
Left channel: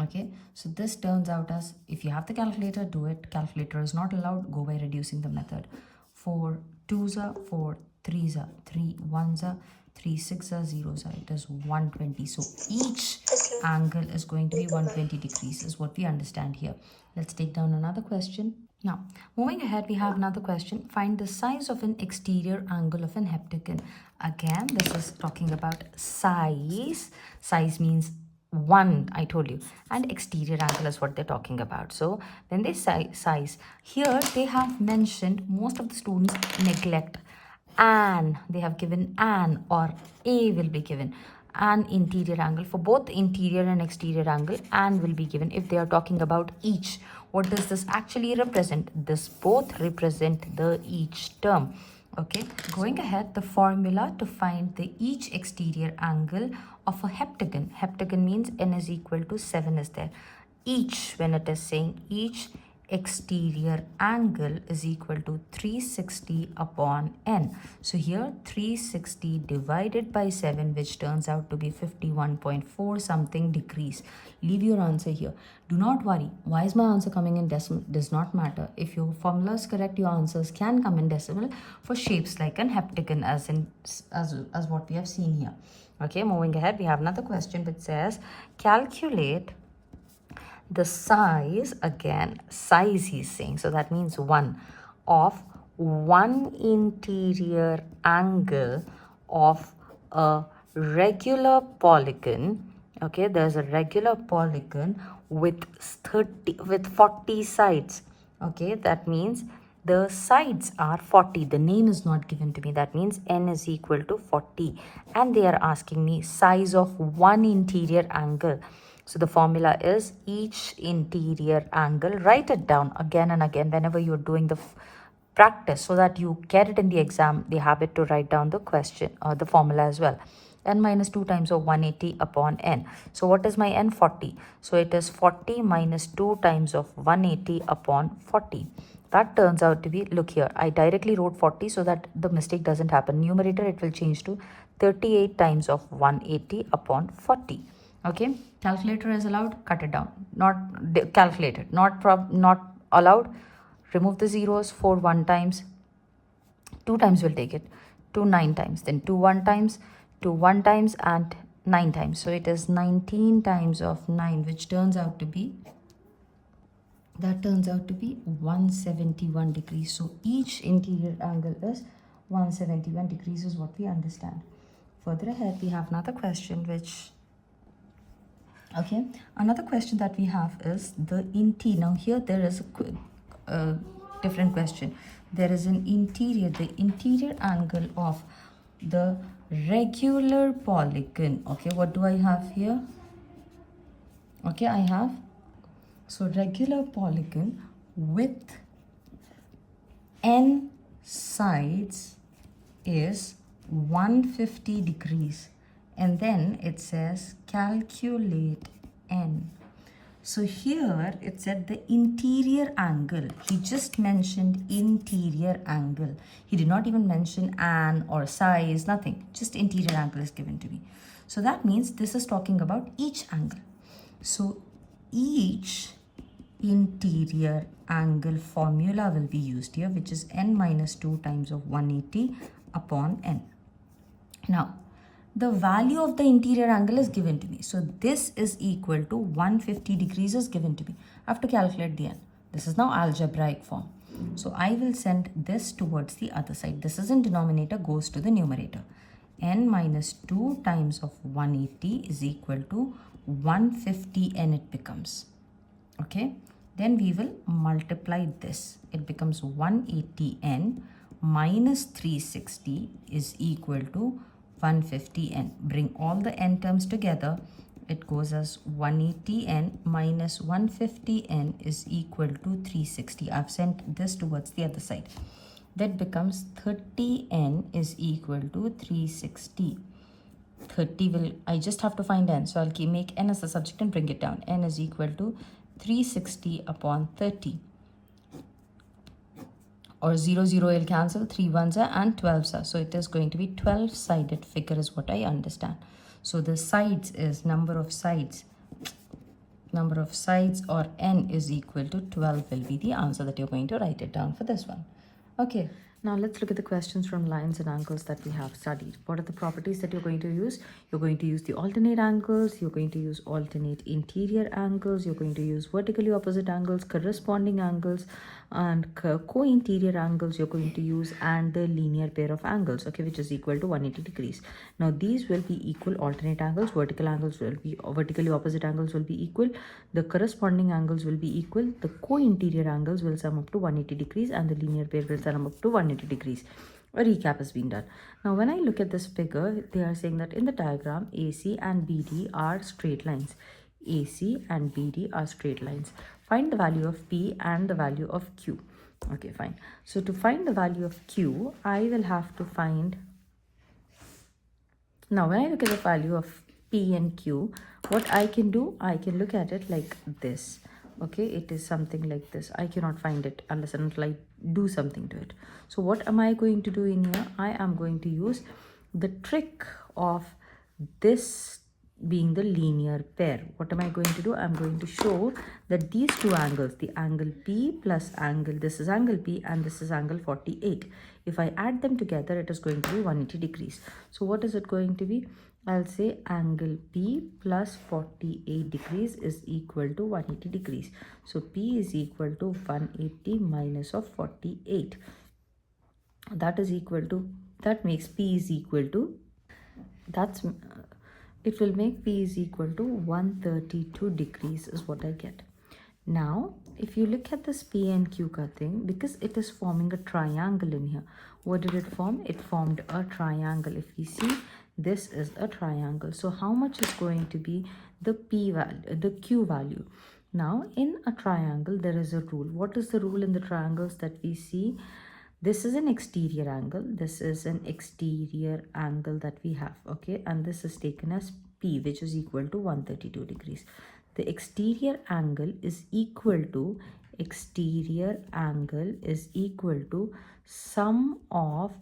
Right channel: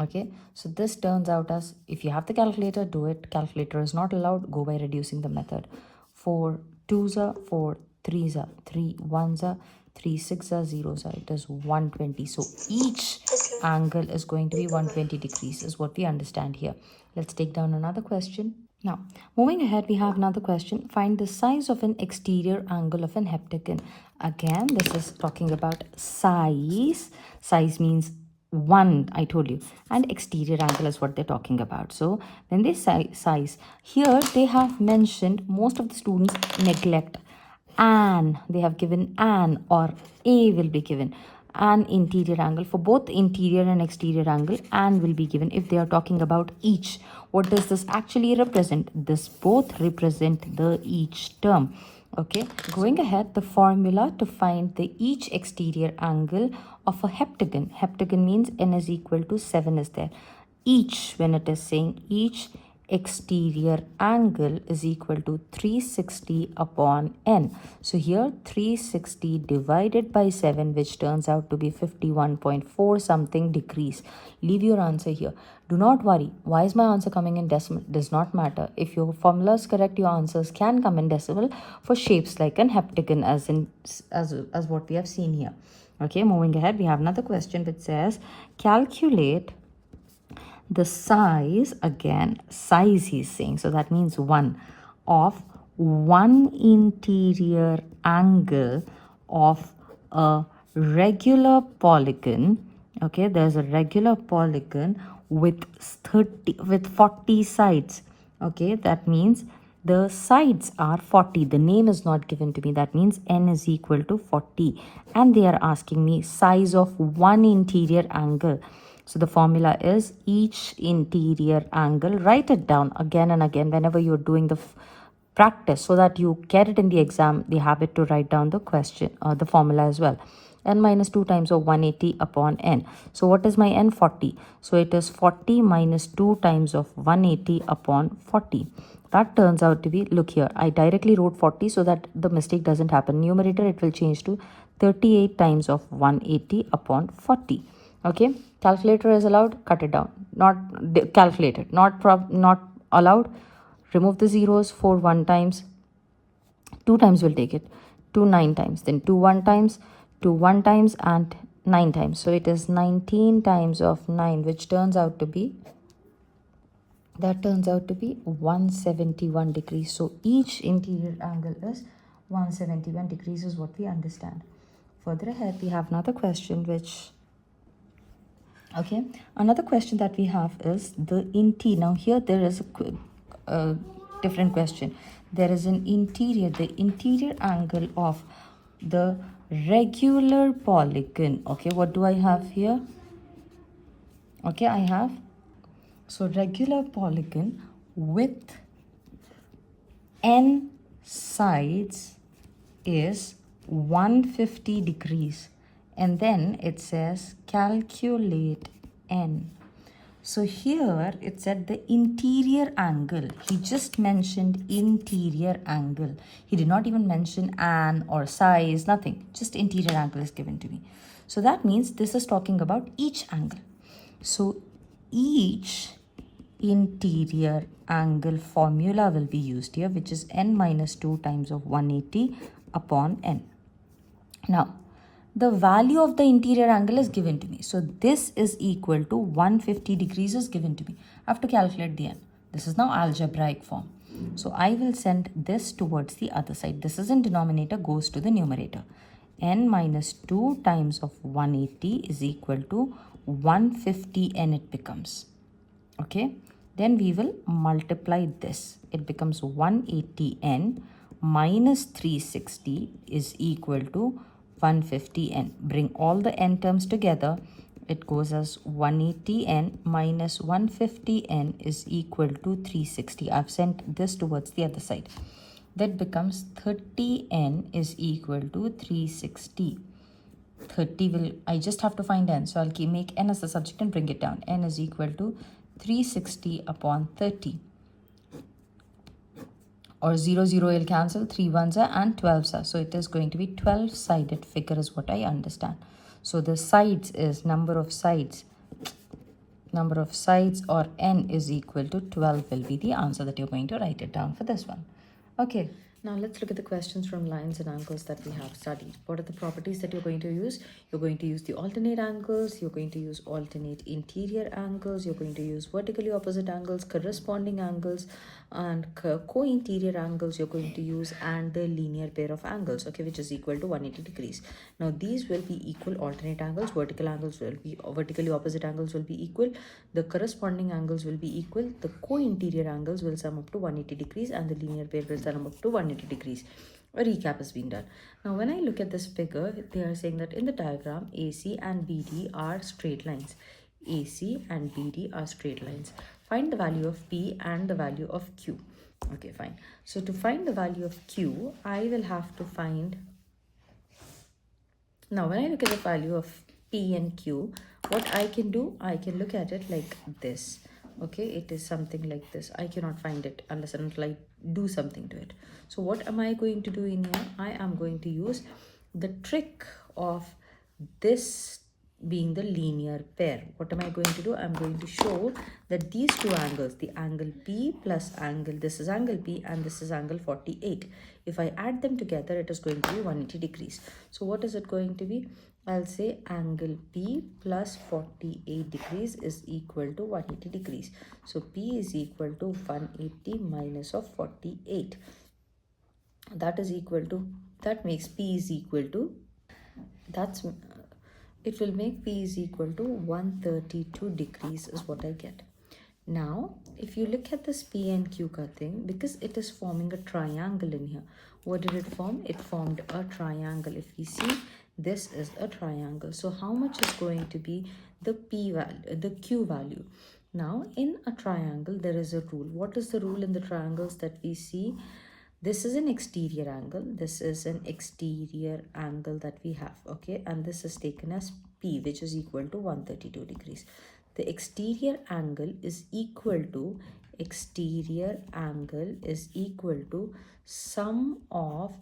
Okay, so this turns out as, if you have the calculator, do it. Calculator is not allowed, go by reducing the method. 4 2s are 4, 3s are 3, 1s are 3, 6 are 0s are, it is 120. So each angle is going to be 120 degrees is what we understand here. Let's take down another question. Now, moving ahead, we have another question. Find the size of an exterior angle of an heptagon. Again, this is talking about size. Size means one, I told you. And exterior angle is what they're talking about. So, when they say size, here they have mentioned, most of the students neglect an. They have given an, or a will be given. An interior angle for both interior and exterior angle, and will be given if they are talking about each. What does this actually represent? This both represent the each term. Okay, going ahead, the formula to find the each exterior angle of a heptagon. Heptagon means n is equal to 7 is there. Each, when it is saying each exterior angle is equal to 360 upon n. So here 360 divided by 7, which turns out to be 51.4 something degrees. Leave your answer here. Do not worry. Why is my answer coming in decimal? Does not matter. If your formula is correct, your answers can come in decimal for shapes like an heptagon, as what we have seen here. Okay, moving ahead, we have another question which says calculate the size, again size he's saying, so that means 1, of one interior angle of a regular polygon. Okay, there's a regular polygon with 40 sides. Okay, that means the sides are 40. The name is not given to me. That means n is equal to 40, and they are asking me size of one interior angle. So the formula is each interior angle. Write it down again and again whenever you're doing the practice, so that you get it in the exam, the habit to write down the question or the formula as well. N minus 2 times of 180 upon n. So what is my n? 40. So it is 40 minus 2 times of 180 upon 40. That turns out to be, look here, I directly wrote 40 so that the mistake doesn't happen. Numerator, it will change to 38 times of 180 upon 40. Okay, calculator is allowed, cut it down. Not calculated, not allowed. Remove the zeros. 4 1 times, 2 times will take it, 2 9 times, then 2 1 times, 2 1 times, and 9 times. So it is 19 times of 9, which turns out to be, 171 degrees. So each interior angle is 171 degrees is what we understand. Further ahead, we have another question which, okay, another question that we have is the interior. Now here there is a different question. There is an interior, the interior angle of the regular polygon. Okay, what do I have here? Okay, I have, so regular polygon with n sides is 150 degrees, and then it says calculate n. So here it said the interior angle. He just mentioned interior angle. He did not even mention an or size, nothing. Just interior angle is given to me. So that means this is talking about each angle. So each interior angle formula will be used here, which is n minus 2 times of 180 upon n. Now, the value of the interior angle is given to me. So this is equal to 150 degrees is given to me. I have to calculate the n. This is now algebraic form. So I will send this towards the other side. This is in denominator, goes to the numerator. N minus 2 times of 180 is equal to 150 n it becomes. Okay. Then we will multiply this. It becomes 180n minus 360 is equal to 150n. Bring all the n terms together. It goes as 180n minus 150n is equal to 360. I've sent this towards the other side. That becomes 30n is equal to 360. 30 will, I just have to find n. So I'll make n as a subject and bring it down. N is equal to 360 upon 30. Or 0 0 will cancel, 3 1s are and 12s are. So it is going to be 12-sided figure is what I understand. So the sides is number of sides or n is equal to 12 will be the answer that you're going to write it down for this one. Okay, now let's look at the questions from lines and angles that we have studied. What are the properties that you're going to use? You're going to use the alternate angles, you're going to use alternate interior angles, you're going to use vertically opposite angles, corresponding angles. and co-interior angles you're going to use, and the linear pair of angles, okay, which is equal to 180 degrees. Now these will be equal alternate angles, vertical angles will be vertically opposite angles will be equal, the corresponding angles will be equal, the co-interior angles will sum up to 180 degrees, and the linear pair will sum up to 180 degrees. A recap has been done. Now when I look at this figure, they are saying that in the diagram AC and BD are straight lines. AC and BD are straight lines. Find the value of P and the value of Q. Okay, fine. So to find the value of Q, I will have to find, now when I look at the value of P and Q, what I can do, I can look at it like this. Okay, it is something like this. I cannot find it unless until I do something to it. So what am I going to do in here? I am going to use the trick of this being the linear pair. What am I going to do? I'm going to show that these two angles, the angle P plus angle, this is angle P and this is angle 48. If I add them together, it is going to be 180 degrees. So what is it going to be? I'll say angle P plus 48 degrees is equal to 180 degrees. So P is equal to 180 minus of 48. That is equal to, that makes P is equal to, it will make P is equal to 132 degrees is what I get. Now, if you look at this P and Q thing, because it is forming a triangle in here, what did it form? It formed a triangle. If we see, this is a triangle. So how much is going to be the P value, the Q value? Now, in a triangle, there is a rule. What is the rule in the triangles that we see? This is an exterior angle, this is an exterior angle that we have, okay, and this is taken as P, which is equal to 132 degrees. The exterior angle is equal to sum of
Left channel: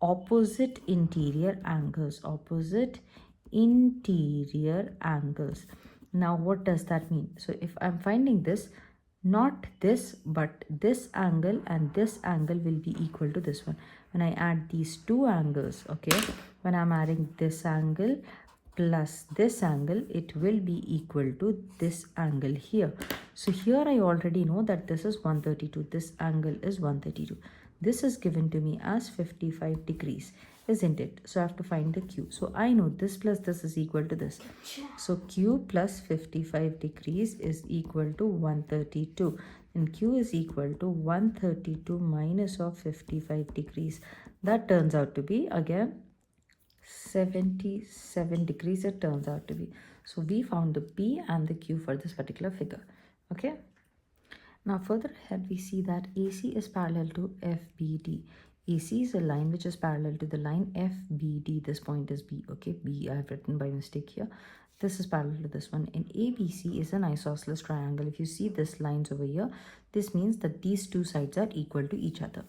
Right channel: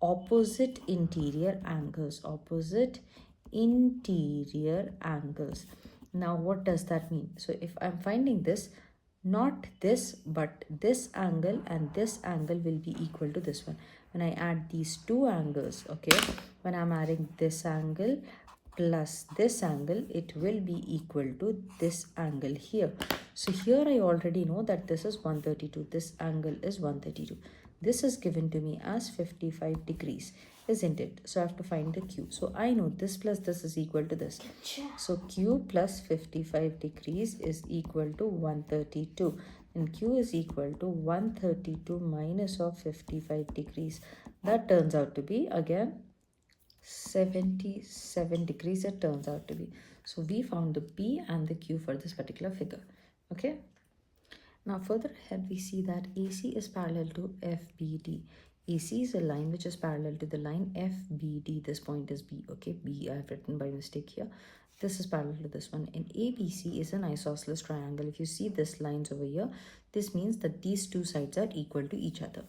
opposite interior angles, Now what does that mean? So if I'm finding this, not this but this angle and this angle will be equal to this one. When I add these two angles, okay, when I'm adding this angle plus this angle, it will be equal to this angle here. So here I already know that this is 132, this angle is 132. This is given to me as 55 degrees, isn't it? So I have to find the Q. So I know this plus this is equal to this. So Q plus 55 degrees is equal to 132. And Q is equal to 132 minus of 55 degrees. That turns out to be, again, 77 degrees it turns out to be. So we found the P and the Q for this particular figure. Okay. Now further ahead we see that AC is parallel to FBD. AC is a line which is parallel to the line FBD. This point is B. Okay, B I have written by mistake here. This is parallel to this one. And ABC is an isosceles triangle. If you see this lines over here, this means that these two sides are equal to each other.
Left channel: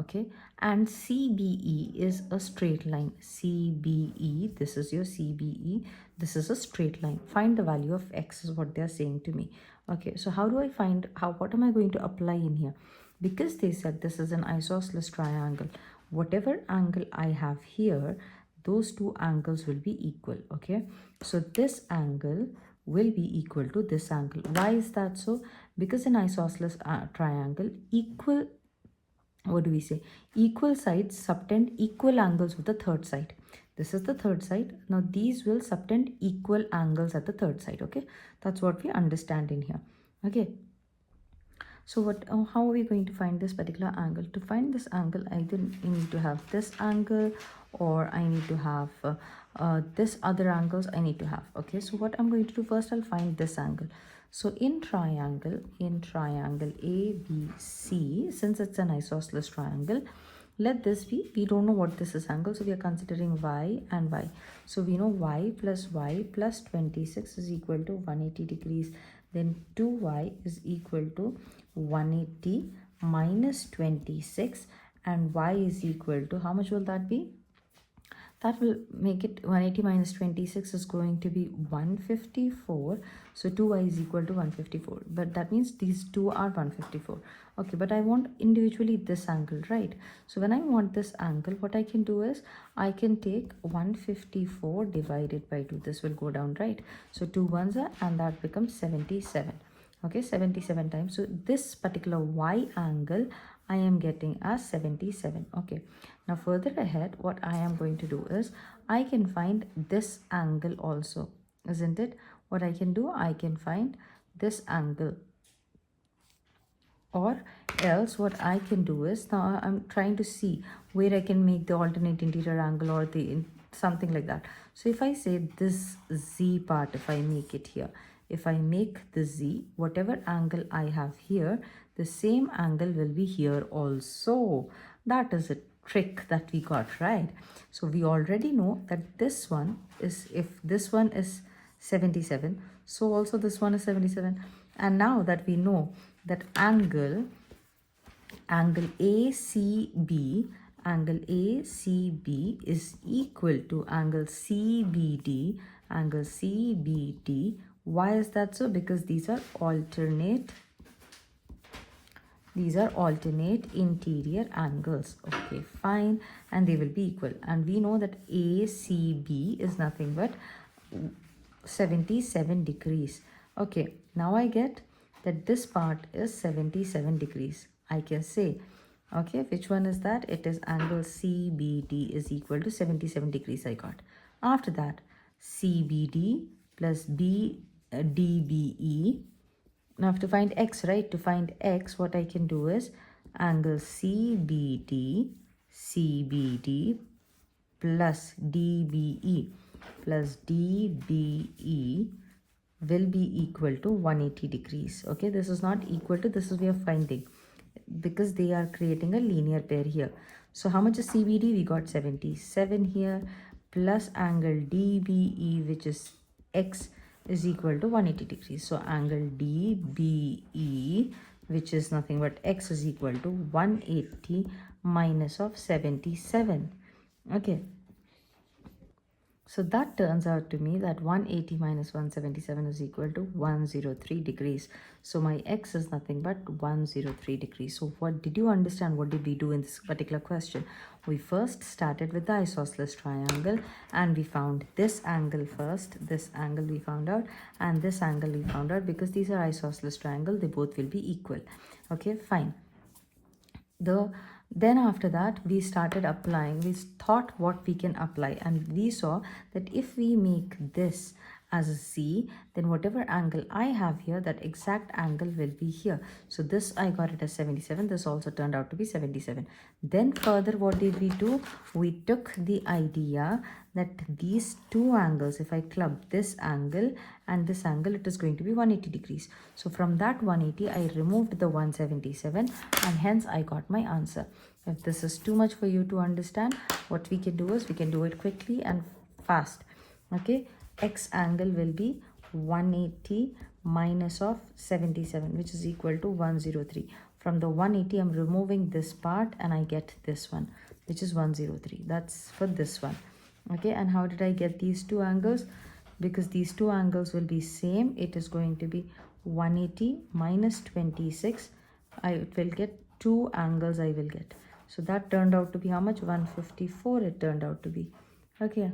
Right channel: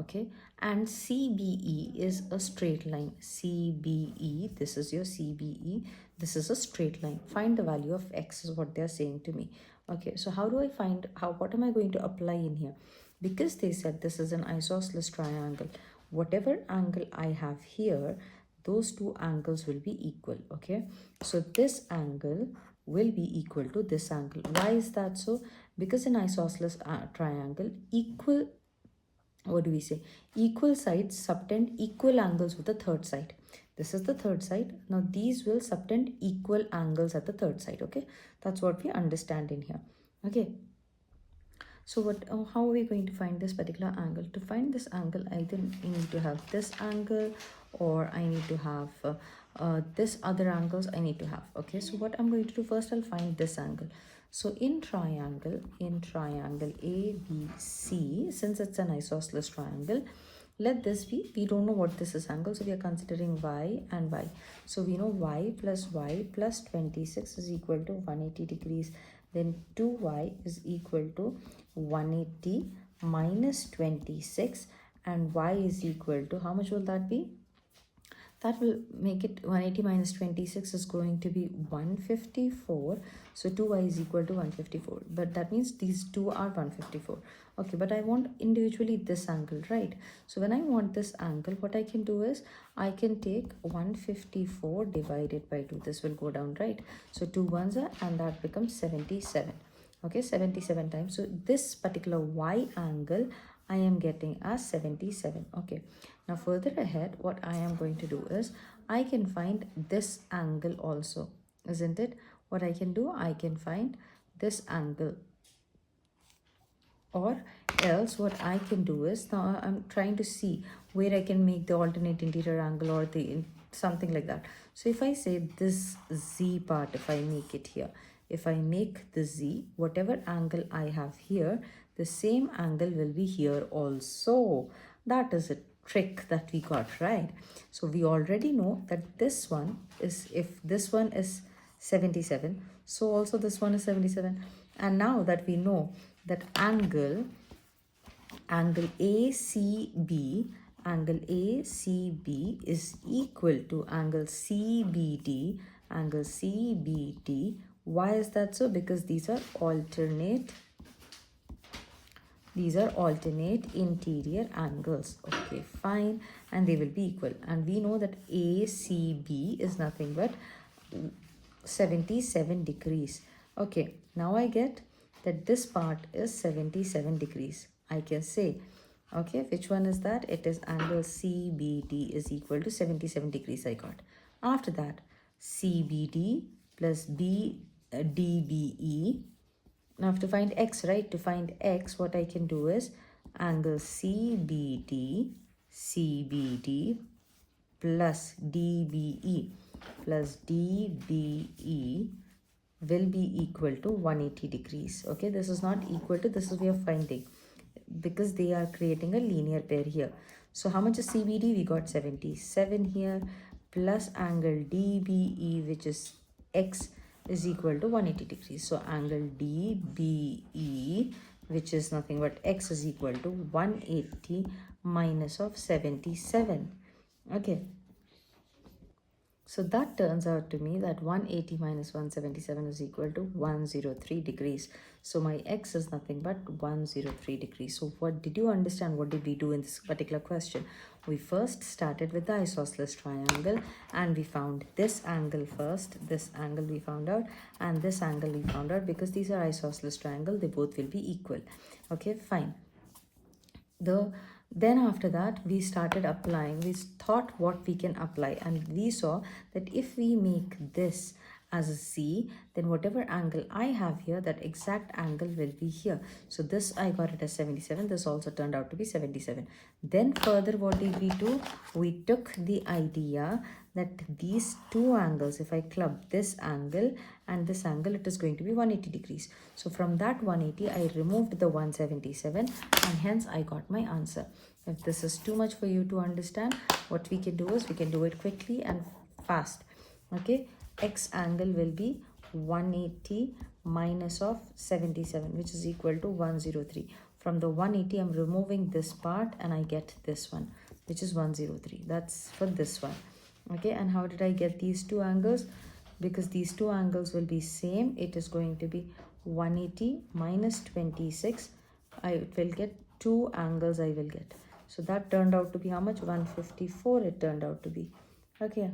Okay, and CBE is a straight line. CBE, this is your CBE. This is a straight line. Find the value of X is what they are saying to me. Okay, so how do I find, what am I going to apply in here? Because they said this is an isosceles triangle, whatever angle I have here, those two angles will be equal. Okay, so this angle will be equal to this angle. Why is that so? Because in isosceles triangle, equal sides subtend equal angles with the third side. This is the third side. Now these will subtend equal angles at the third side. Okay, that's what we understand in here. Okay, so how are we going to find this particular angle? To find this angle, either I need to have this angle, or I need to have this other angles I need to have. Okay, so what I'm going to do first, I'll find this angle. So in triangle ABC, since it's an isosceles triangle, let this be, we don't know what this is angle, so we are considering y and y. So we know y plus 26 is equal to 180 degrees. Then 2y is equal to 180 minus 26, and y is equal to, how much will that be? That will make it 180 minus 26 is going to be 154. So 2y is equal to 154. But that means these two are 154. Okay, but I want individually this angle, right? So when I want this angle, what I can do is I can take 154 divided by 2. This will go down, right? So 2 ones are, and that becomes 77. Okay, 77 times. So this particular y angle I am getting as 77. Okay, now further ahead, what I am going to do is I can find this angle also, isn't it? What I can do, I can find this angle, or else what I can do is, now I'm trying to see where I can make the alternate interior angle or the something like that. So if I say this z part, if I make it here, if I make the z, whatever angle I have here, the same angle will be here also. That is a trick that we got, right? So we already know that this one is, if this one is 77, so also this one is 77. And now that we know that angle ACB is equal to angle CBD. Why is that so? Because these are alternate interior angles. Okay, fine, and they will be equal. And we know that ACB is nothing but 77 degrees. Okay, now I get that this part is 77 degrees. I can say, okay, which one is that? It is angle CBD is equal to 77 degrees I got. After that, CBD plus DBE. Now to find x, right? To find x, what I can do is angle CBD plus DBE will be equal to 180 degrees. Okay, this is not equal to, this is we are finding, because they are creating a linear pair here. So how much is CBD? We got 77 here, plus angle DBE, which is x, is equal to 180 degrees. So angle DBE, which is nothing but x, is equal to 180 minus of 77. Okay, so that turns out to me that 180 minus 177 is equal to 103 degrees. So my x is nothing but 103 degrees. So what did you understand? What did we do in this particular question? We first started with the isosceles triangle and we found this angle first. This angle we found out, and this angle we found out, because these are isosceles triangle, they both will be equal. Okay, fine. Then after that we started applying, we thought what we can apply, and we saw that if we make this as a z, then whatever angle I have here, that exact angle will be here. So this I got it as 77, this also turned out to be 77. Then further what did we do? We took the idea that these two angles, if I club this angle and this angle, it is going to be 180 degrees. So from that 180 I removed the 177 and hence I got my answer. If this is too much for you to understand, what we can do is we can do it quickly and fast. Okay, x angle will be 180 minus of 77, which is equal to 103. From the 180 I'm removing this part and I get this one, which is 103. That's for this one. Okay, and how did I get these two angles? Because these two angles will be same, it is going to be 180 minus 26. I will get two angles I will get. So that turned out to be how much? 154 it turned out to be. Okay,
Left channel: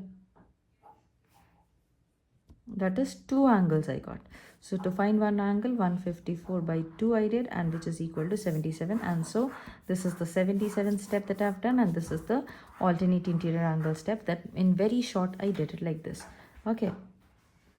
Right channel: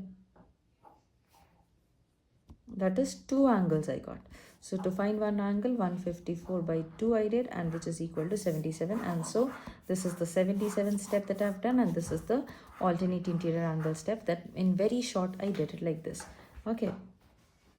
that is two angles I got. So to find one angle, 154 by 2 I did, and which is equal to 77. And so this is the 77 step that I've done, and this is the alternate interior angle step that in very short I did it like this. Okay.